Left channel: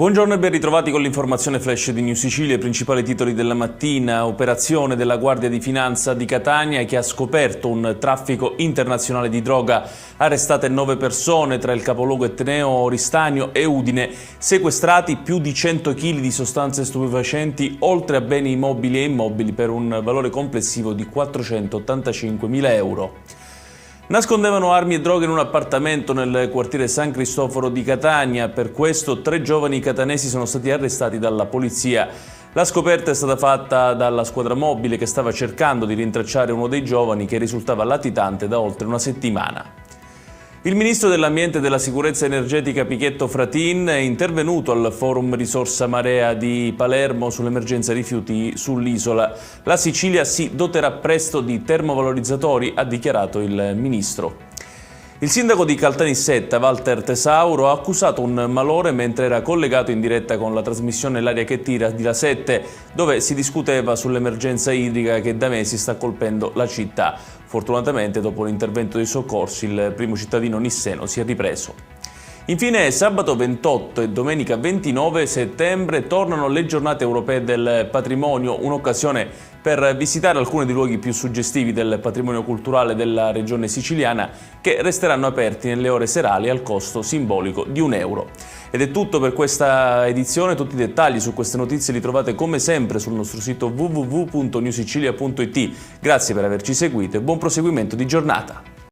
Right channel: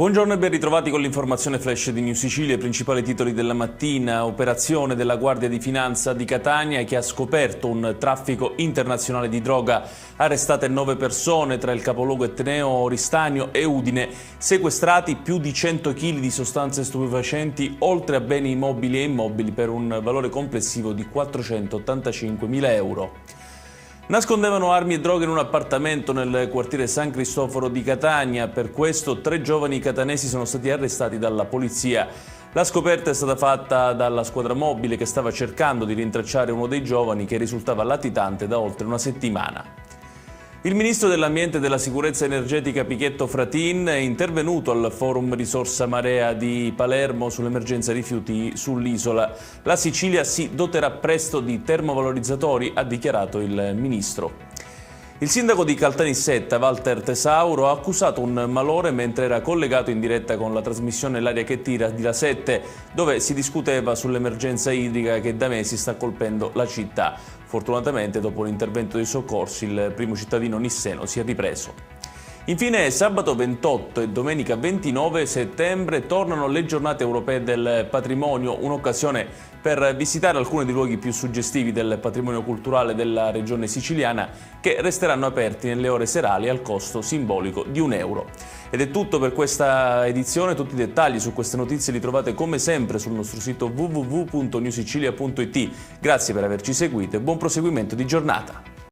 Buongiorno e ben ritrovati con l'informazione flash di New Sicilia. I principali titoli della mattina: operazione della Guardia di Finanza di Catania che ha scoperto un traffico internazionale di droga, arrestate 9 persone tra il capoluogo etneo Oristano e Udine, sequestrati più di 100 kg di sostanze stupefacenti oltre a beni mobili e immobili per un valore complessivo di 485.000 euro. Nascondevano armi e droghe in un appartamento nel quartiere San Cristoforo di Catania. Per questo 3 giovani catanesi sono stati arrestati dalla polizia. La scoperta è stata fatta dalla squadra mobile che stava cercando di rintracciare uno dei giovani che risultava latitante da oltre una settimana. Il ministro dell'Ambiente e della Sicurezza Energetica Pichetto Fratin è intervenuto al Forum Risorsa Marea di Palermo sull'emergenza rifiuti sull'isola. La Sicilia si doterà presto di termovalorizzatori, ha dichiarato il ministro. Il sindaco di Caltanissetta, Walter Tesauro, ha accusato un malore mentre era collegato in diretta con la trasmissione L'aria che tira di La 7, dove si discuteva sull'emergenza idrica che da mesi sta colpendo la città. Fortunatamente, dopo l'intervento dei soccorsi, il primo cittadino nisseno si è ripreso. Infine, sabato 28 e domenica 29 settembre tornano le giornate europee del patrimonio, un'occasione per visitare alcuni dei luoghi più suggestivi del patrimonio culturale della regione siciliana, che resteranno aperti nelle ore serali al costo simbolico di €1. Ed è tutto per questa edizione. Tutti i dettagli su queste notizie li trovate come sempre sul nostro sito www.newsicilia.it. Grazie per averci seguito e buon proseguimento di giornata.